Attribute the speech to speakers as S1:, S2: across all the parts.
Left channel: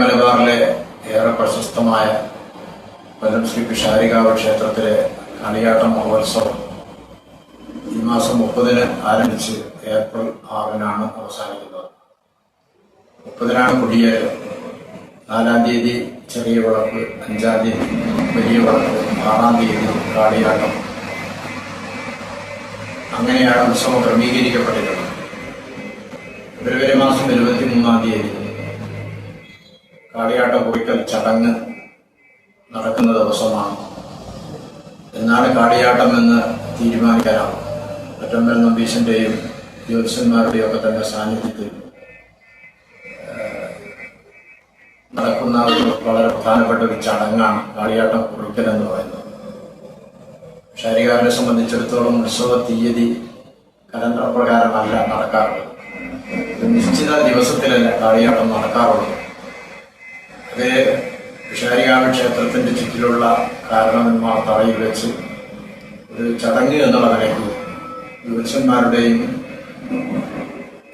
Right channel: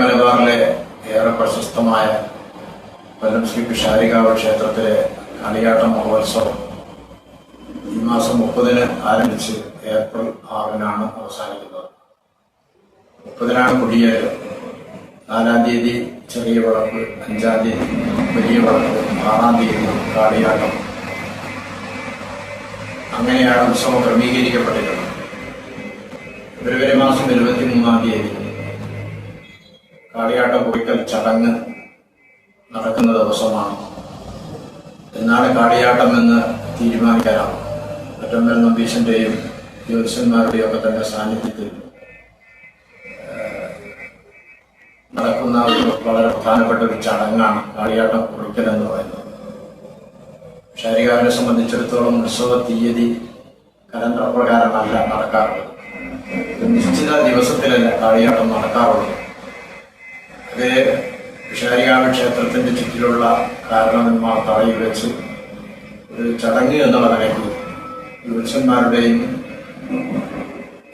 S1: മലബാറിലെ ഏറെ പ്രശസ്തമായ കൊല്ലം ശ്രീ പിഷാരികാവ് ക്ഷേത്രത്തിലെ കളിയാട്ട മഹോത്സവം ഈ മാസം മുപ്പതിന് ആരംഭിച്ച് ഏപ്രിൽ ആറിനാണ് അവസാനിക്കുന്നത്. മുപ്പതിനാണ് കൊടിയേറ്റം. നാലാം തീയതി ചെറിയ വിളക്ക് അഞ്ചാം തീയതി വലിയ വിളക്ക് ആറാം തീയതി കളിയാട്ടം. അങ്ങനെയാണ് ഉത്സവം ക്രമീകരിക്കപ്പെട്ടിട്ടുള്ളത്. ഫെബ്രുവരി മാസം ഇരുപത്തി മൂന്നാം തീയതി കാളിയാട്ടം കുറിക്കൽ ചടങ്ങ് നടക്കുന്ന ദിവസമാണ്. എന്നാണ് കാളിയാട്ടം എന്ന് തീരുമാനിക്കാനാവും. ഒറ്റമ്പൽ നമ്പീശന്റെയും ജ്യോതിഷന്മാരുടെയും ഒക്കെ തന്നെ സാന്നിധ്യത്തിൽ നടക്കുന്ന ഒരു വളരെ പ്രധാനപ്പെട്ട ഒരു ചടങ്ങാണ് കാളിയാട്ടം കുറിക്കൽ എന്ന് പറയുന്നത്. ശാരികാവിനെ സംബന്ധിച്ചിടത്തോളം ഉത്സവ തീയതി കലണ്ടർ പ്രകാരമല്ല നടക്കാറുള്ളത് നിശ്ചിത ദിവസത്തിലല്ല കാളിയാട്ടം നടക്കാറുള്ളത്. അത് വിഷാരികാമ ക്ഷേത്രത്തിന്റെ ചുറ്റിലുള്ള കാരണവന്മാർ തറയിൽ വെച്ച് ഒരു ചടങ്ങ് എന്നുള്ള നിലയ്ക്ക് ജ്യോത്സ്യന്മാരുടെയും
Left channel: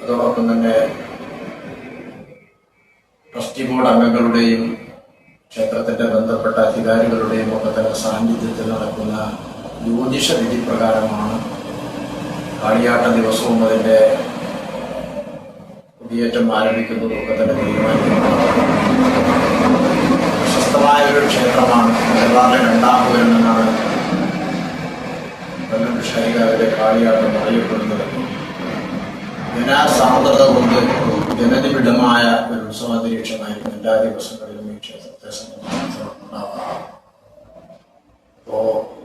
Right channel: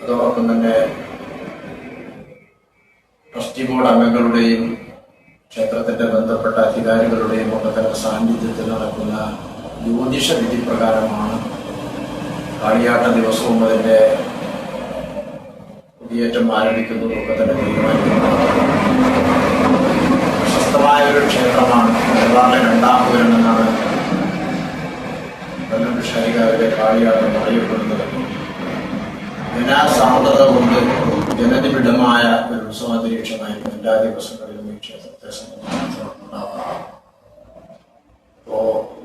S1: അതോടൊപ്പം തന്നെ ട്രസ്റ്റി ബോർഡ് അംഗങ്ങളുടെയും ക്ഷേത്രത്തിന്റെ ബന്ധപ്പെട്ട അധികാരികളുടെയും ഒക്കെ സാന്നിധ്യത്തിൽ നടക്കുന്ന ജ്യോതിഷ വിധി പ്രകാരമാണ് കളിയാട്ട ദിവസവും അതിന്റെ കുടിയേറ്റം ആരംഭിക്കുന്നതും ഒക്കെ തന്നെ തീരുമാനിക്കുന്നത്. പ്രശസ്തമായ ഒരു ക്ഷേത്രമാണ്. അല്ലാതെ രണ്ടാമത് എന്നാണ് കൊല്ലം വിഷയകാരുടെ കാളിയാട്ടം അറിയപ്പെടുന്നത്. ജനാ സാന്ദ്രത കൊണ്ട് ജനനിബിഡമായ ഒരു ഉത്സവാന്തരീക്ഷമായി എല്ലാ ദിവസങ്ങളിലും ഈ ക്ഷേത്രത്തെ അപ്പോ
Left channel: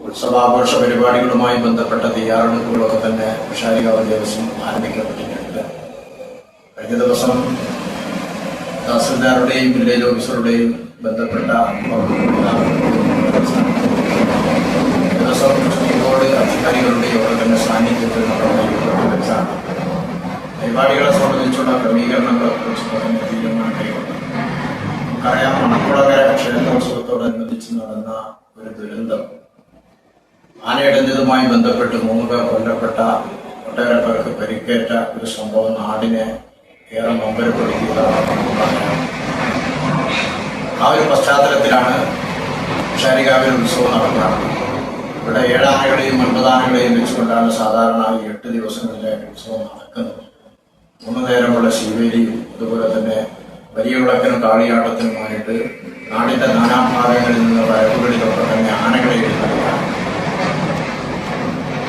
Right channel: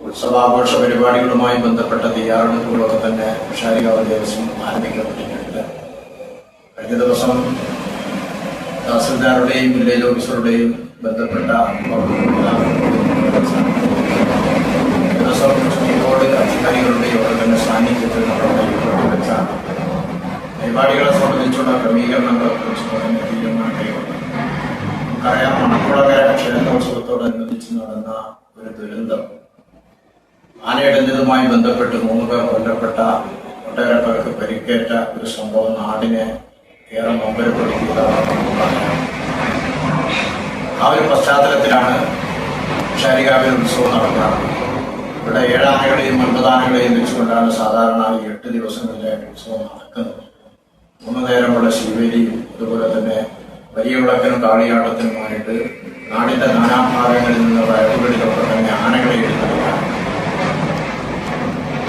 S1: ഉത്സവാഘോഷ പരിപാടികളുമായി ബന്ധപ്പെട്ട തയ്യാറെടുപ്പുകളൊക്കെ തന്നെ വിഷാരികാവ് ദിവസം ആരംഭിക്കപ്പെട്ടിട്ടുണ്ട്. കഴിഞ്ഞ ദിവസം തഹസിൽദാരുടെയും വില്ലേജ് ഓഫീസറുടെയും ബന്ധപ്പെട്ട ദിവസം ബോർഡ് അധികാരികളുടെയും ഒക്കെ തന്നെ സാന്നിധ്യത്തിൽ പരിപാടികളെ സംബന്ധിച്ചുള്ള തീരുമാനങ്ങളുണ്ട് അറിയാം മണക്കുളങ്ങര ക്ഷേത്രോത്സവത്തോടനുബന്ധിച്ച് നടന്ന ഒരു ദുരന്തം. ആനയിടുന്നതുമായി ബന്ധപ്പെട്ട് മൂന്ന് പേർ കൊല്ലപ്പെട്ട ഒട്ടേറെ പേർക്ക് പരിക്കേറ്റ ഒരു സംഭവം നാടിനെ ഏറെ നൊമ്പരപ്പെടുത്തിയതാണ് ആ ഒരു പശ്ചാത്തലത്തിലാണ് ഷാരികാവിൽ ഉത്സവം നടക്കുന്നത് ഇവിടെ ഏഴാനകളെയും ഒൻപതാനകളെയും വെച്ചുകൊണ്ടാണ് സാധാരണ ഈ എട്ട് ദിവസങ്ങളിലെ ഉത്സവം നടക്കുന്നത്. മൂന്ന് നേരമുള്ള ശിവേലി അതുപോലെ തന്നെ വലിയ വിളക്കിനും താളിയാട്ടത്തിനുമായിട്ട് നാടിന്റെ നാനാഭാഗങ്ങളിൽ നിന്നുള്ള ഇടവുകളിലൊക്കെ തന്നെ ആനകളെ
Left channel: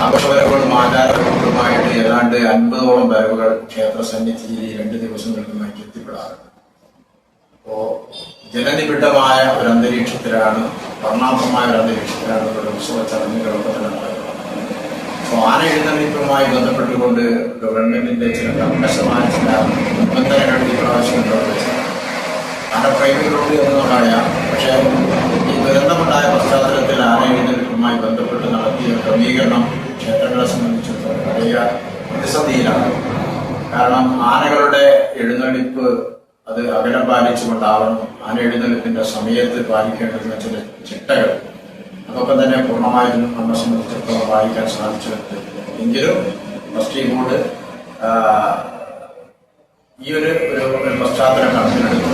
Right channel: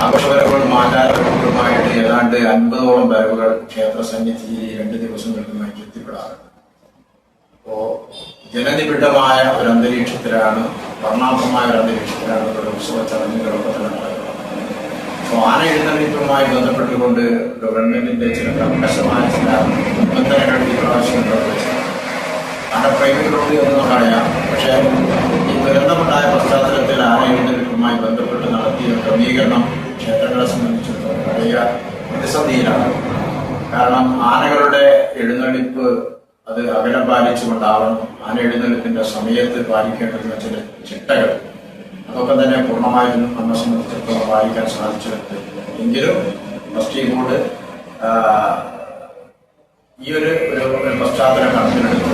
S1: എഴുതുന്നതാണ് ആഘോഷപരങ്ങളും ആചാരപരങ്ങളുമായിട്ട് ഏതാണ്ട് അൻപതോളം വരവുകൾ ക്ഷേത്ര സന്നിധിയിൽ രണ്ട് ദിവസങ്ങളിലുമായി എത്തിപ്പെടാറുണ്ട്. അപ്പോ ജനനിബിഡമായ ഒരു അന്തരീക്ഷത്തിലാണ് വർണാഭമായ ഒരു അന്തരീക്ഷത്തിലാണ് ഒരു ഉത്സവ ചടങ്ങുകളൊക്കെ നടക്കുന്നത്. അപ്പോ ആന എഴുന്നള്ളിപ്പുമായി ബന്ധപ്പെട്ടുകൊണ്ട് ഗവൺമെന്റിന്റെ ചില കർക്കശമായ ചില ഈ പ്രാവശ്യം പ്രവർത്തിച്ചു. എന്ന് എന്നുള്ളതറിയാം പക്ഷേ ഈ ദുരന്തമുണ്ടായ പശ്ചാത്തലത്തിൽ ആന ബന്ധപ്പെട്ട് നടത്തിയ ക്രമീകരണം ക്ഷേത്രങ്ങളെ സംബന്ധിച്ചിടത്തോളം വലിയ പ്രതിസന്ധിയിലാണ്. കാരണം ആനകളുടെ എഴുന്നള്ളിപ്പ് അത് അകലം പാലിച്ചുകൊണ്ടാവണം ആന എഴുന്നള്ളിപ്പിന്റെ സമയത്ത് പാലിക്കേണ്ടുന്ന ചില ചിട്ടകൾ. അതൊക്കെ തന്നെ പൂർണമായും നമ്മെ സംബന്ധിച്ചിടത്തോളം പാലിക്കാൻ സാധിച്ചു. എങ്കിലും ട്രസ്റ്റി ബോർഡ് ഈ ഒരു പശ്ചാത്തലം കണക്കിലെടുത്തു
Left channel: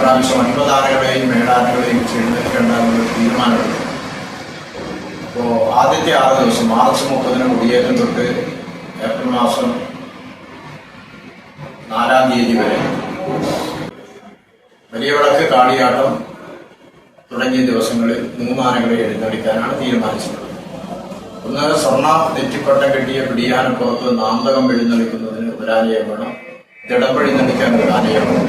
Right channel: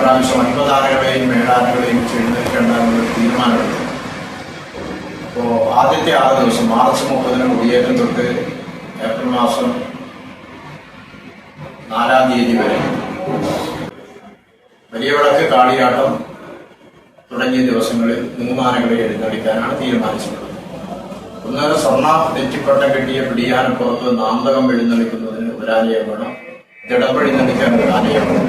S1: പ്രാവശ്യം അൻപതാനകളെയും ആനകളെയും ചെയ്തിരിക്കേണ്ട ഒരു തീരുമാനമെടുത്തു. ആദ്യത്തെ ആറ് ദിവസം മാർച്ച് മുപ്പതിന് കുടിയേറ്റം തൊട്ട് ഏപ്രിൽ മാസം നാലാം തീയതി വരെ. വലിയ വിളക്ക് കാളിയാട്ടം തുടങ്ങിയ ദിവസങ്ങളിൽ മൂന്നാനകളെ എഴുന്നള്ളിക്കാനാണ് തീരുമാനിച്ചത്. ഒന്ന് സ്വർണ നെറ്റിപ്പട്ട കെട്ടിയ പിടിയാനപ്പുറത്ത് നാന്തകം എഴുന്നള്ളിക്കുന്നതിന് മുലാനിയെ വേണം നടിക്കാൻ മുലാനിയെ വേണം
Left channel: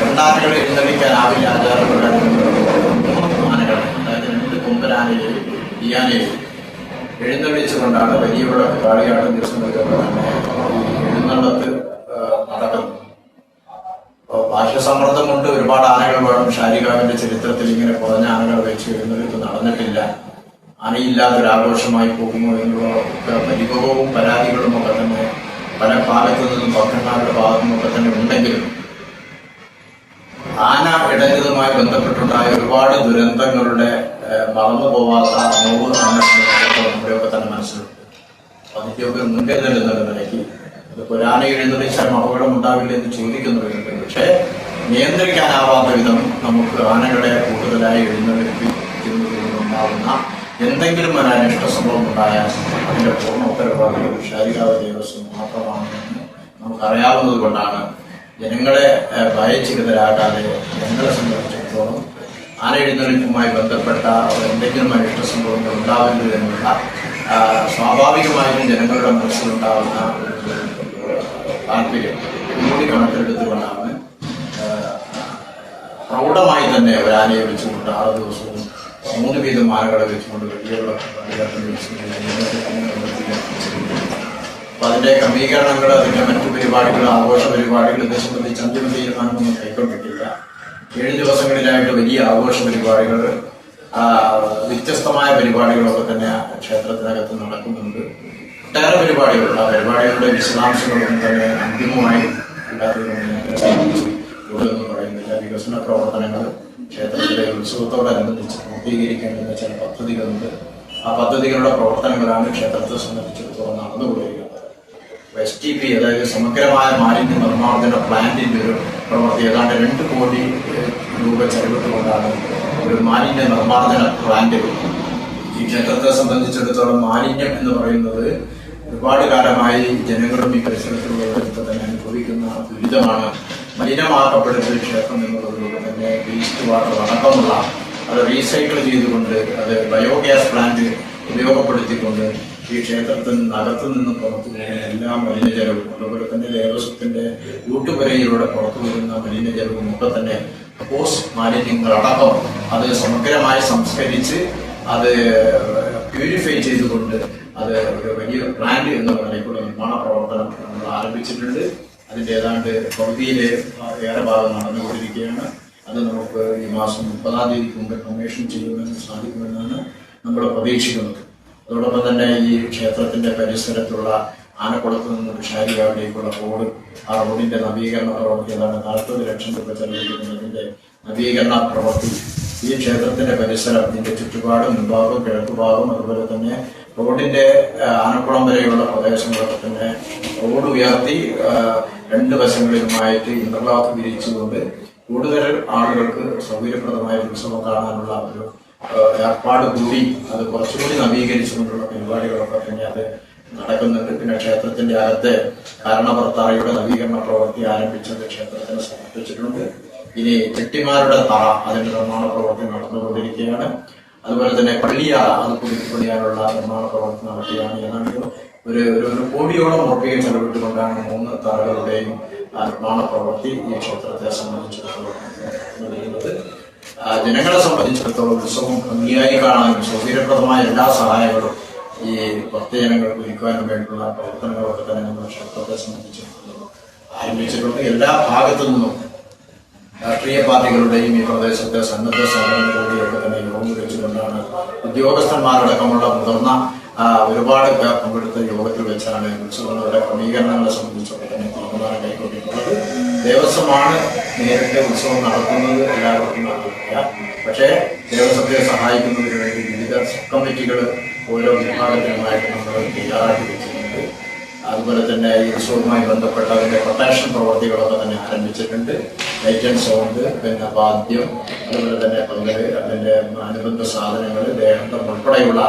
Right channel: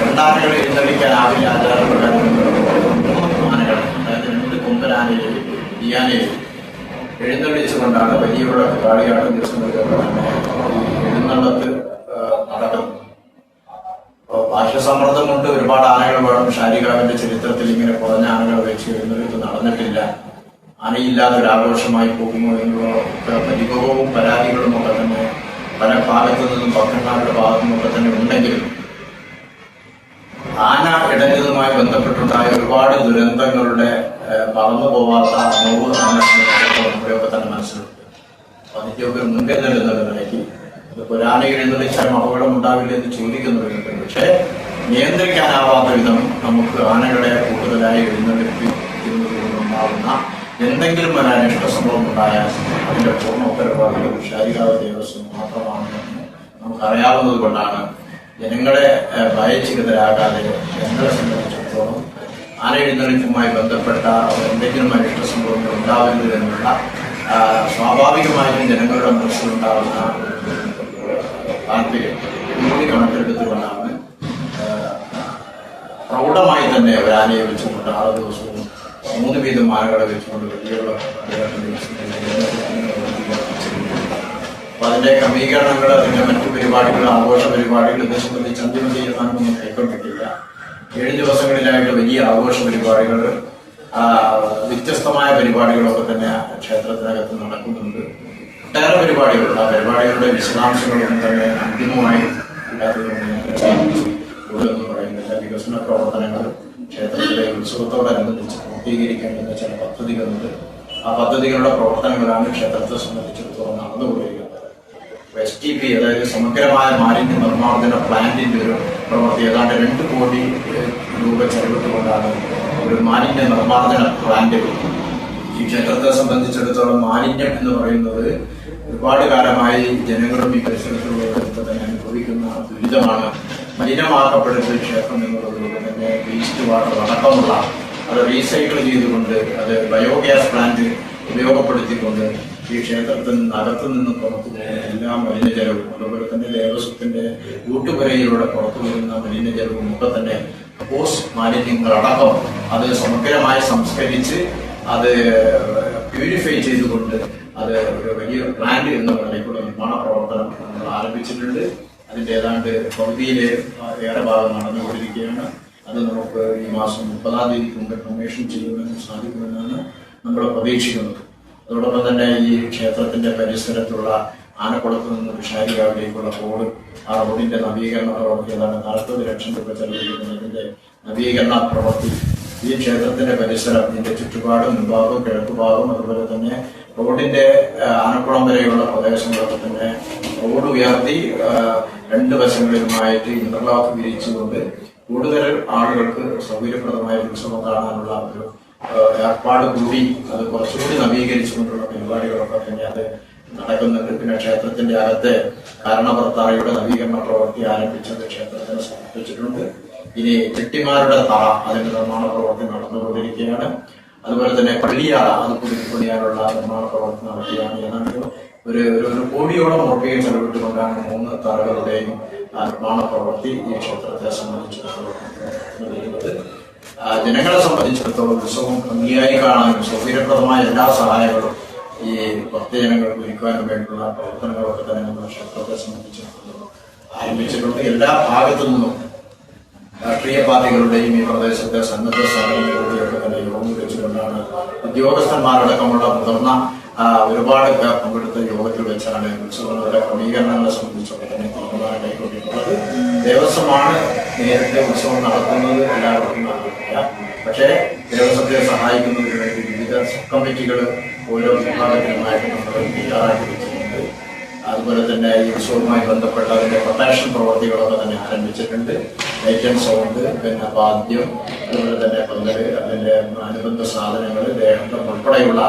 S1: രണ്ടാനകൾ എഴുന്നള്ളിക്കാൻ ആവില്ല ആചാരങ്ങളുടെ മൂന്ന് ആനകളെ അതായത് രണ്ട് കൊമ്പനാനയെയും പിടിയാനയെയും എഴുന്നള്ളിച്ചുകൊണ്ടാണ് വലിയ വിളക്ക് കാളിയാട്ടം ദിവസങ്ങളിൽ തന്നെ ഈ എഴുന്നള്ളത്ത് നടക്കുന്നത് അപ്പോ കൊണ്ട് ഒരുപാട് ആനകൾ വേണം. ഷാരികാവിന്റെ ചരിത്രത്തിൽ ഇങ്ങനെ കുറഞ്ഞ ആനകൾ വെച്ച് എഴുന്നേൽപ്പ് നടന്നിട്ടില്ല. ആനയില്ലാത്തൊരു ആഘോഷമായി പോകുന്നു എന്നുള്ള ഒക്കെ പരിഭവവും പരാതികളും ഒക്കെ തന്നെ പല ഭാഗത്തു നിന്നും ഭക്തന്മാരുടെ ഭാഗത്തു നിന്നൊക്കെ തന്നെ ഉണ്ടെങ്കിലും ആന ഇടരുതുമായി ബന്ധപ്പെട്ടുണ്ടായ ഒരുപാട് ദുരന്തങ്ങളുടെ മറന്നു പോവാത്ത നോവ് മനസ്സിലൊക്കെ തന്നെ മനസ്സിലുണ്ട്. അതിന്റെ ഒക്കെ മുൻകരുതൽ എന്നുള്ളതായി ഇത് പുരാണ എഴുന്നള്ളിച്ചാൽ അപകടം ഉണ്ടാവില്ല എന്ന് ചോദിക്കുന്നുണ്ട് പക്ഷേ നിയന്ത്രിക്കാനാവാത്ത വിധം നമുക്ക് ആനകളെ കൂടുതലായി എഴുന്നള്ളിപ്പിക്കുന്നതിലുണ്ടാവുന്ന എന്തെങ്കിലും ഒരു അനിഷ്ട സംഭവം ഉണ്ടായാൽ അതിന്റെ പൂർണ ഉത്തരവാദിത്വം ശാരീരിക ദേവസ്വം മാത്രമാണ്. നമുക്ക് അറിയാവുന്നത് കൊണ്ടാണ് ജനങ്ങളെ ഭയചിതരാകാതെ ജനങ്ങളെ സംബന്ധിച്ചിടത്തോളം ആന എഴുന്നള്ളിപ്പുമായി ബന്ധപ്പെട്ട എന്തെങ്കിലുമായിട്ട് സംഭവം ഉണ്ടാവരുത് എന്നുള്ള ആ, സ്വാഭാവികമായിട്ടും ജനങ്ങളുടെ മനസ്സിലുണ്ടാവുന്ന താല്പര്യം കൂടി പ്രൗഢമായി തന്നെ അവർ വെച്ചുകൊണ്ട് ആറ് ദിവസവും മൂന്ന് വീതം ആനകളെ വെച്ചുകൊണ്ട് വലിയ അപ്പൊ അതിന്റെ ക്രമീകരണങ്ങൾ അതിന്റെ മറ്റു പരിപാടികൾ ആഘോഷ പരിപാടികൾ ഇത് സംബന്ധിച്ച് അന്തിമ കൈക്കൊണ്ടിട്ടില്ല ഏഴ് ദിവസങ്ങളിലായിട്ട് വലിയ ആഘോഷ പരിപാടികൾ വ്യത്യസ്തമായ പരിപാടികളൊക്കെ തന്നെ ക്ഷേത്രത്തിനകത്ത് നടക്കുന്നുണ്ട്. ഒട്ടേറെ പരിപാടികളുണ്ട്. ആ പരിപാടികളുടെ വിശദാംശങ്ങളൊന്നും തന്നെ അന്തിമമായി വികസന പ്രവർത്തനങ്ങൾ ക്ഷേത്രത്തിലെ ഉത്സവത്തോടനുബന്ധിച്ച് പൂർത്തീകരിക്കേണ്ടുന്ന ചില പദ്ധതികളുണ്ട്. ആ പദ്ധതികളുടെ പ്രവർത്തനങ്ങളാണ് ക്ഷേത്രത്തെ സംബന്ധിച്ചിടത്തോളം നടന്നുകൊണ്ടിരിക്കുന്നത് എസ് ടി പി അതായത് സമഗ്രമായ മാലിന്യ നിർമ്മാർജന പ്ലാന്റിന്റെ ഒരു പ്രവൃത്തി. ഏതാണ്ട് രണ്ട് കോടി രൂപ ചെലവിട്ടുകൊണ്ടാണ് ഒരു മാലിന്യ നിർമ്മാർജന പ്ലാന്റ് ഈ ക്ഷേത്രത്തെ സംബന്ധിച്ചിടത്തോളം മാലിന്യം എന്ന് പറയുന്നത് ഒരുപാട് കാലമായി ജനങ്ങളും ഈ പരിസരത്തിലുള്ള തന്നെ അനുഭവിക്കുന്ന ദുരിതമാണ്. മലിനമാക്കപ്പെടുന്ന ക്ഷേത്രം എന്നുള്ളതുകൊണ്ട് തന്നെ വേസ്റ്റ് വാട്ടർ അടക്കമുള്ള അത് റീസൈക്കിൾ ചെയ്തുകൊണ്ട് അത് ബയോഗ്യാസ് പ്ലാന്റ് ഉപയോഗപ്പെടുത്തിക്കൊണ്ട് ഈ ക്ഷേത്രത്തിൽ നിന്ന് അകത്തു നിന്നും പുറത്തു പോകുന്ന എല്ലാ മലിനജലവും അതുപോലെ തന്നെ ദേവസ്വത്തിന്റെ കൂട്ടുപുരയിലൂടെ പുറത്തു വരുന്ന മലിനജലവും ഒക്കെ തന്നെ പോസ്റ്റ് മാലിന്യങ്ങളടക്കം അത് സമഗ്രമായി സംസ്കരിച്ച് അത് പ്യൂരിഫൈ ചെയ്തുകൊണ്ട് അത് ഒരു വലിയ പ്ലാന്റ് എന്ന് പറഞ്ഞുള്ള നിർമ്മാണ പ്രവർത്തനം നമ്മൾ ആരംഭിച്ചിട്ടുണ്ട്. അതിന്റെ ഏതാണ്ട് പകുതിയിലെ ഏറെ ഭാഗം നടന്നുകൊണ്ടിരിക്കുകയാണ്. അത് നമുക്ക് ഈ മാസം മുപ്പതാം തീയതി കൊണ്ട് കമ്മീഷൻ ചെയ്യുന്നതിന് സാധിക്കുമെന്നാണ് നമ്മൾ പ്രതീക്ഷിക്കുന്നത്. അതോടൊപ്പം തന്നെ ഈ ക്ഷേത്രത്തിന്റെ പരിസരത്തുള്ള ആനക്കുളത്ത് നിന്ന് വിഷാരികാവിലേക്കുള്ള റോഡ് ആ റോഡിന്റെ നവീകരണ പ്രവർത്തികളാണ് നാൽപ്പത് ലക്ഷം രൂപ ചെലവഴിക്കുന്നതിന്റെ നവീകരണ പ്രവൃത്തി. ഈ ക്ഷേത്രത്തിന്റെ പരിസരം ഇതിന്റെ ചുറ്റുപാടും ഭാഗവും കിഴക്കുഭാഗവും അതുപോലെ തന്നെ റോഡിന്റെ ആനക്കുളം വരെയുള്ള പ്രദേശങ്ങളൊക്കെ തന്നെ റോഡ് ഉയർത്തി രണ്ട് വശങ്ങളിലുമായിട്ട് ഇന്റർലോക്ക് വിരിച്ചുകൊണ്ട് കൂടുതൽ ആളുകൾക്ക് സൗകര്യപ്രദമായ ഉത്സവം കാണാനുള്ള ഒരു ഏർപ്പാട് കൂടി അത് കുറച്ചുകൂടി നവീകരിച്ചുകൊണ്ടുള്ള പരിപാടികളൊക്കെ തന്നെ അത് നടക്കുന്നുണ്ട് പിന്നെ ക്ഷേത്രത്തിന്റെ അകത്ത് കാരണഭർത്താവയുടെ നവീകരണ പ്രവൃത്തി ആരംഭിച്ചത് ക്ഷേത്രത്തിന് സമർപ്പിച്ചിട്ടുണ്ട്. ഇനി ചെട്ടിമാരുടെ തറ അതിന്റെ നിർമ്മാണ പ്രവൃത്തി നടന്നുകൊണ്ടിരിക്കുകയാണ്. അതുപോലെ തന്നെ പള്ളിയ അത് പുതുക്കിപ്പണിയാനുള്ള നിർമ്മാണ പ്രവർത്തനം നടത്തിയാണ് ഏതാണ്ട് ഒരു ഒരു കോടിയോളം രൂപയെ ചെലവിട്ടുകൊണ്ടാണ് മൂന്ന് തറകളുടെയും നിർമ്മാണ പ്രവൃത്തി ഈ ക്ഷേത്രത്തെ സംബന്ധിച്ചിടത്തോളം ജനങ്ങളെ സംബന്ധിച്ചിടത്തോളം ഉത്സവം ഭംഗിയായി കാണാനും സൗകര്യപ്രദമായ എല്ലാ സഹായങ്ങളും ഈ ഭക്തജനങ്ങൾക്ക് ഒരുക്കാനും വേണ്ടിയുള്ള പ്രവർത്തനങ്ങളൊക്കെ തന്നെ നമ്മുടെ ക്ഷേത്രത്തെ സംബന്ധിച്ച് ആരംഭിച്ചിട്ടുണ്ട്. എല്ലാ ഭാഗത്തു നിന്നും രാഷ്ട്രീയ പാർട്ടികളുടെയും ഈ പ്രദേശത്തെ സന്നദ്ധ സംഘടനകളുടെയൊക്കെ തന്നെ യോഗം വെച്ചുകൊണ്ടാണ് ഉദ്യോഗസ്ഥന്മാരടക്കമുള്ള മുതിർന്ന ഒരുപാട് പേർ പങ്കെടുത്ത യോഗത്തിൽ വെച്ചാണ് ഉത്സവങ്ങളുടെ ക്രമീകരണങ്ങളെ സംബന്ധിച്ചുകൊണ്ട് തന്നെ തീരുമാനം കൈക്കൊണ്ടിട്ടുള്ളത്. ദേവസ്വമാണ് നേരത്തെ ഉത്സവം നടത്തുന്നത്. എല്ലാവർക്കും പക്ഷേ ദേവസ്വത്തെ സഹായിക്കുന്നതിന് വിവിധ കമ്മിറ്റികളും ഓരോ വിഭാഗങ്ങളുമായിട്ട് അതുപോലെ തന്നെ ഈ ഉത്സവവുമായി ബന്ധപ്പെട്ട അതിന്റെ പ്രൊട്ടക്ഷൻ പ്രവർത്തികളൊക്കെ തന്നെ ആരംഭിച്ചിട്ടുണ്ട്. ഏജൻസ് ഉണ്ട് പിന്നെ വാദ്യം അതുപോലെ തന്നെ പങ്കൽ അതിന്റെ അനുബന്ധ സാധനങ്ങൾ ദേഹം ഉൾപ്പെടെയുള്ള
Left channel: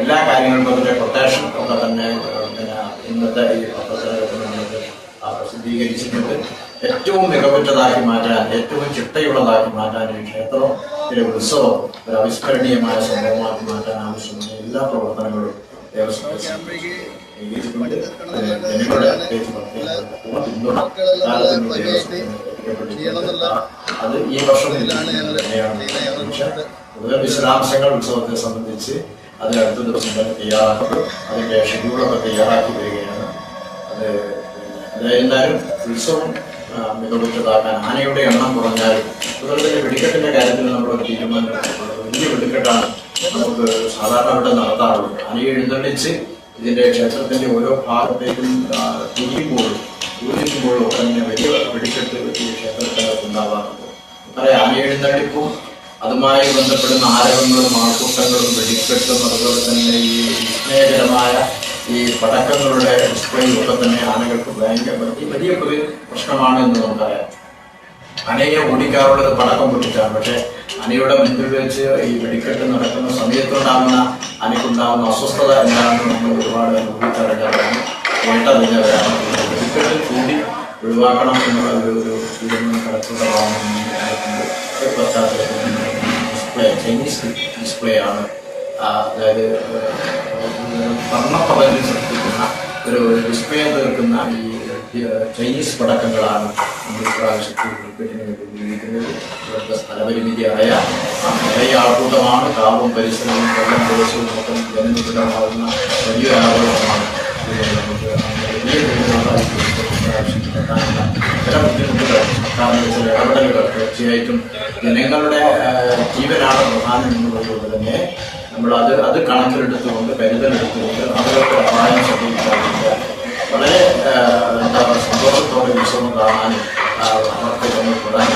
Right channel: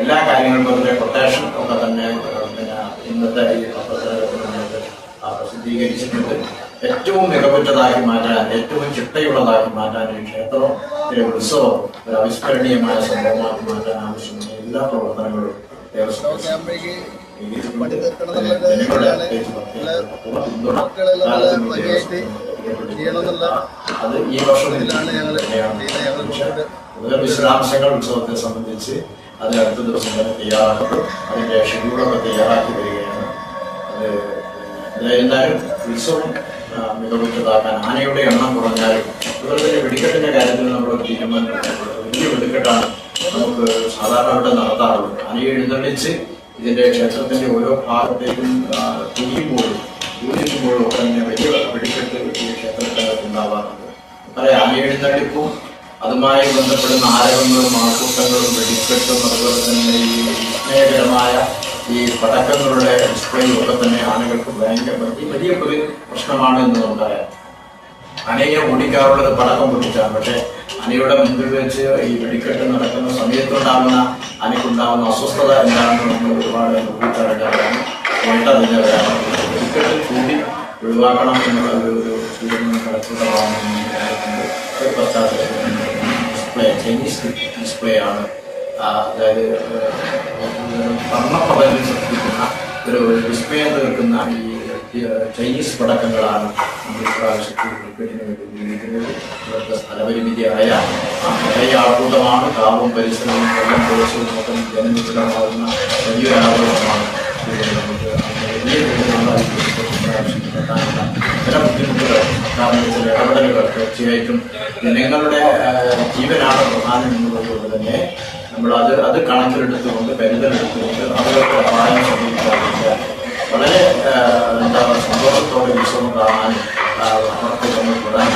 S1: എല്ലാ കാര്യങ്ങൾക്കും തന്നെ പ്രൊട്ടക്ഷൻ ഒക്കെ തന്നെ പിന്നെ ഇന്നത്തെ ഈ പ്രസിദ്ധീകരിച്ചിട്ടുണ്ട്. ഏറ്റവും മികവുറ്റതാക്കി മാറ്റാൻ ഏറ്റവും ചിട്ടയുള്ളതാക്കി മാറ്റാൻ ഈ ക്ഷേത്രം ഒരു ഉത്സവം ഒരു അവിസ്മരണീയമായ സംഭവമാക്കി മാറ്റാൻ ആവശ്യമായ എല്ലാ പ്രവർത്തനങ്ങളും വിശദാംശങ്ങൾ ഉത്സവത്തെ സംബന്ധിച്ച് അതിനടുത്ത ദിവസം തന്നെ തയ്യാറാക്കും അതിന്റെ ഷെഡ്യൂളൊക്കെ തയ്യാറാക്കി വരികയാണ്. അത് എന്തായിരുന്നാലും ഉത്സവം മികവുറ്റതാക്കാൻ ആനയുടെ എണ്ണം കുറഞ്ഞാലും അതുപോലെ തന്നെ വെടിക്കെട്ടിന്റെ കാര്യത്തിൽ നമ്മൾ തീരുമാനം വലിയ വെടിക്കെട്ടാണ് നമുക്ക് സാധാരണ ഇവിടെ നടത്താറുള്ളത്. ആനയെ എഴുന്നള്ളിച്ച് ഇതിന്റെ ക്ഷേത്രത്തിന്റെ ഓരോ ഭാഗത്തേക്കും ആ, തിരിയുമ്പോഴും ഊരിക്കുമ്പോഴും തന്നെ വലിയ വെടിക്കെട്ട് ഈ ക്ഷേത്രത്തിൽ ഉണ്ടാവാറുണ്ട്. പല ആനയെഴുന്നള്ളിപ്പും അതുമായി ബന്ധപ്പെടുന്ന ആരവങ്ങളും ആൾക്കൂട്ടങ്ങളും വെടിക്കെട്ടും അതുപോലെ തന്നെ ഈ വിസ്മയകരമായ ഈ പടക്കങ്ങളുടെ ഡിസ്പ്ലേയും ഒക്കെ തന്നെ ആളുകൾക്ക് ഭയങ്കര വലിയ ഒരു പ്രശ്നമാണ് എന്ന് നമുക്കറിയാം അനയെ ഓടിക്കാറുള്ളത് പടക്കം പൊട്ടിച്ചാണ്. പക്ഷേ അനയുടെ മുന്നിൽ വെച്ച് ഈ വെടിക്കെട്ട് നടക്കുന്ന സമയത്തുണ്ടാകുന്ന അനക്കുണ്ടാകുന്ന അസ്വസ്ഥത എന്താണെന്ന് നമ്മൾ ഒരുപാട് ഊഹിച്ചറിഞ്ഞാണ് കേട്ടത് ഞാൻ കാരണം വെടിക്കെട്ട് കൂട്ടി ഒഴിവാക്കണം എന്നുള്ള ഒരു പശ്ചാത്തലത്തിൽ. ഡിസ്പ്ലേ ചൈനീസ് ഡിസ്പ്ലേ ആണ്. ഒരു വിസ്മയം ചൈനീസ് പടക്കങ്ങളാണ് നമ്മൾ സ്ഥലപരിമിതിയായ ആ ആൾക്കൂട്ടമാണ് കാവും പരിസരവും പ്രദേശവും മൊത്തം ജനനിബിഡമാകുന്ന വലിയ ആളുകളാണ് തീർച്ചയായിട്ടും ജനങ്ങളുടെ ജീവനാണ് പ്രധാനം എന്നുള്ളത് തന്നെ നമ്മൾ അത് അത് കണക്കിലെടുത്തുകൊണ്ട് കരുതലെടുത്തുകൊണ്ട് അവരുടെ സഹായം സ്വീകരിക്കുക വളരെ എന്താ പറയുക സന്തോഷത്തോടെ വിശ്രമം കാണാൻ അവർക്ക് ഉണ്ടായി